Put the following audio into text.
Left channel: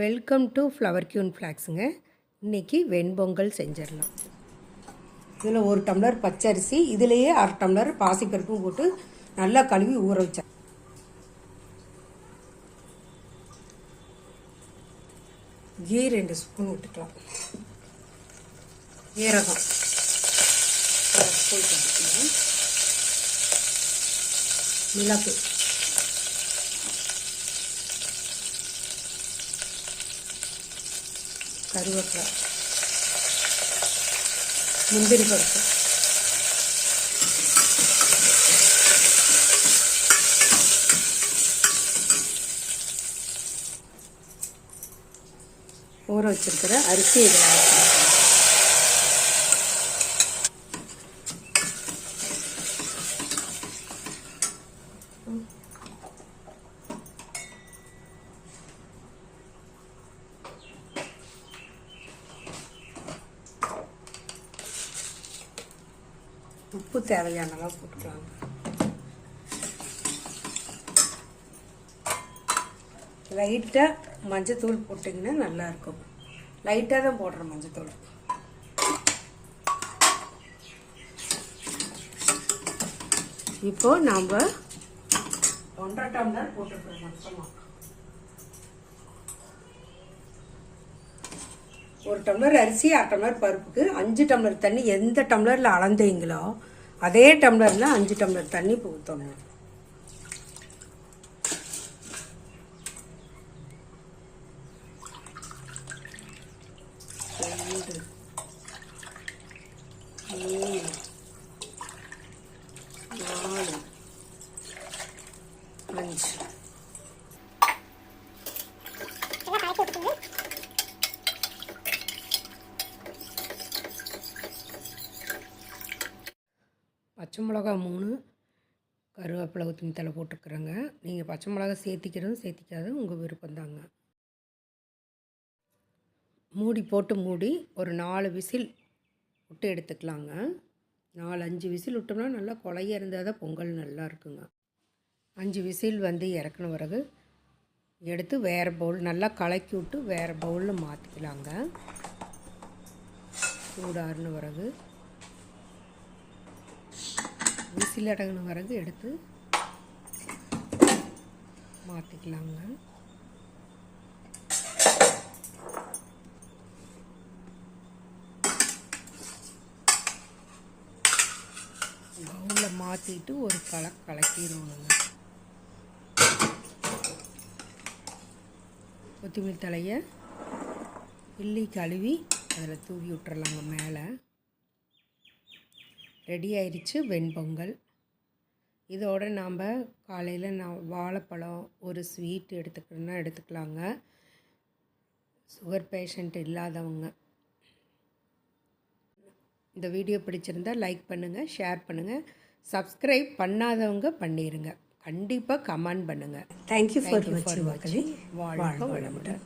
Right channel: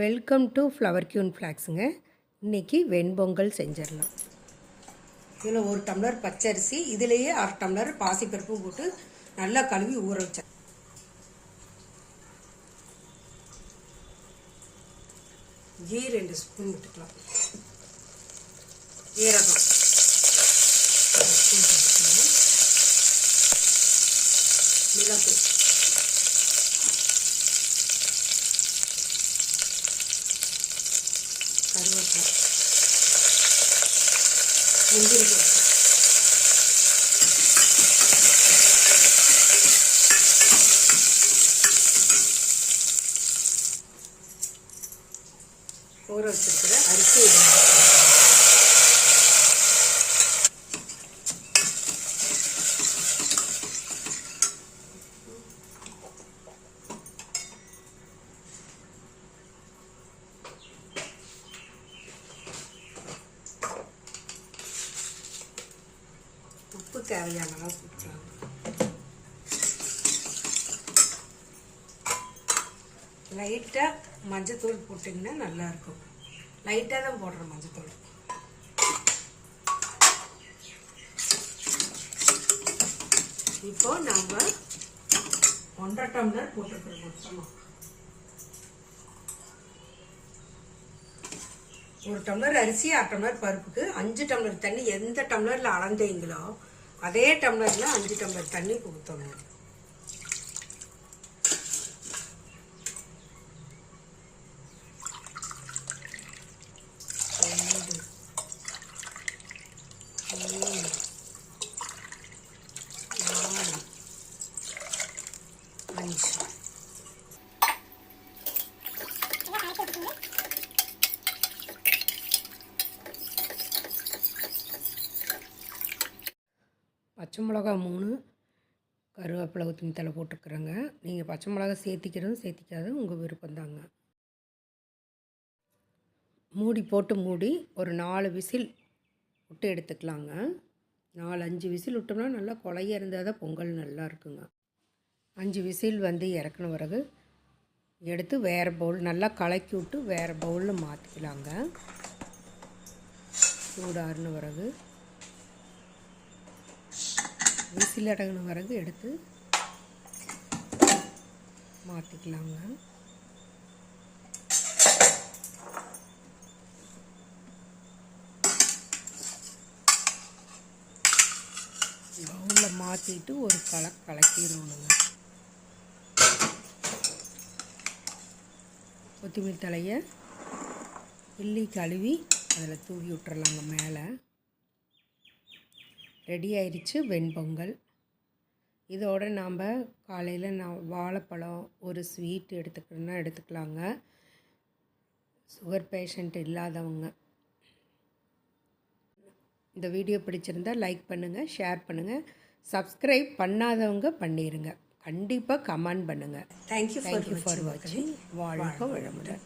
Welcome to flower queen ஃப்ளாக்ஸுங்க இன்றைக்கி வெண்பொங்கல் செஞ்சிடலாம். இதில் ஒரு டம்ளர் பச்சரிசி இதுலேயே அரை டம்ளர் பாசிப்பருப்பும் போட்டு நல்லா கழுவி ஊற வச்சேன் கீ ரெண்டு ஸ்பூன் விட்டுக்கலாம் ஈரகம் மிளகு. கருவேப்பிலை. முந்திரி பருப்பு. ஊற வச்சிருக்கிற அரிசி இதில் உப்பு தேவையான அளவு போட்டுக்கலாம். லைட்டாக மஞ்சத்தூள் போட்டிங்கன்னா நல்லாயிருக்கும். லைட்டாக தான் போடுறோம் மஞ்சத்தூள். இப்போ நாம் ஒன்றரை டம்ளர் போட்டுக்கிறோம் மொத்தமாக ஒரு டம்ளர் அரிசி அரை டம்ளர் பருப்புக்கு அஞ்சு டம்ளர் தண்ணி எந்த டம்ளரில் அளந்தீங்களோ அதே டம்ளரில் அஞ்சு டம்ளர் தண்ணி ஊற்றணும் ரெண்டு, மூணு, நாலு, அஞ்சு பச்சை மிளகா மூணு கருவேப்பிலை கொத்தமல்லி தலை போட்டுக்கிறேங்க. நீங்கள் பச்சை மிளகா சேர்த்திக்கிறதும் சேர்த்திக்காதும் உங்கள் விருப்பம்தாங்க மூடி போட்டு மூடி ஒரு நாலு விசில் விட்டு எடுத்துக்கலாங்க. நாலு அஞ்சு விசில் விட்டோம்னா நல்லா கொலைய இருந்தால் தான் பொங்கல் நல்லா இருக்குங்க. அஞ்சு விசில் வந்து இறக்குன பிறகு எடுத்து வேறு பவுல் நல்லா கலக்கி விட்டு வேறு பவுலில் மாற்றிக்கலாங்க சூடாறுன பிறகு விசில் அடங்கின வரகு எடுத்து மாற்றிக்கலாங்க பவுலில் மாற்றிட்டு ஒரு கலக் கலக்கிடணுங்க. கொத்தமல்லி தலையை கிள்ளி கழுவி அதில் தூவி விட்டுறலாங்க மேலே. ரெடி ஆயிடுச்சு வெண்பொங்கல். இதோட நாம் காலையில் நான் வாழைப்பழம் ஒரு ஸ்வீட் எடுத்துக்கணுன்னா எடுத்துக்கலாங்க. சுகர் பேஷண்ட் இல்லாதவங்க. இந்த வீடியோ பிடிச்சிருந்தா லைக் பண்ணுங்கள் ஷேர் பண்ணுங்கள் சப்ஸ்கிரைப் பண்ணாதவங்க பண்ணிடுங்க கண்டிப்பாக கமெண்ட் பண்ணுங்கள் தேங்க்யூ தேங்க்யூ ஃபார் வாட்சிங் வாழ்க வளமுடன்.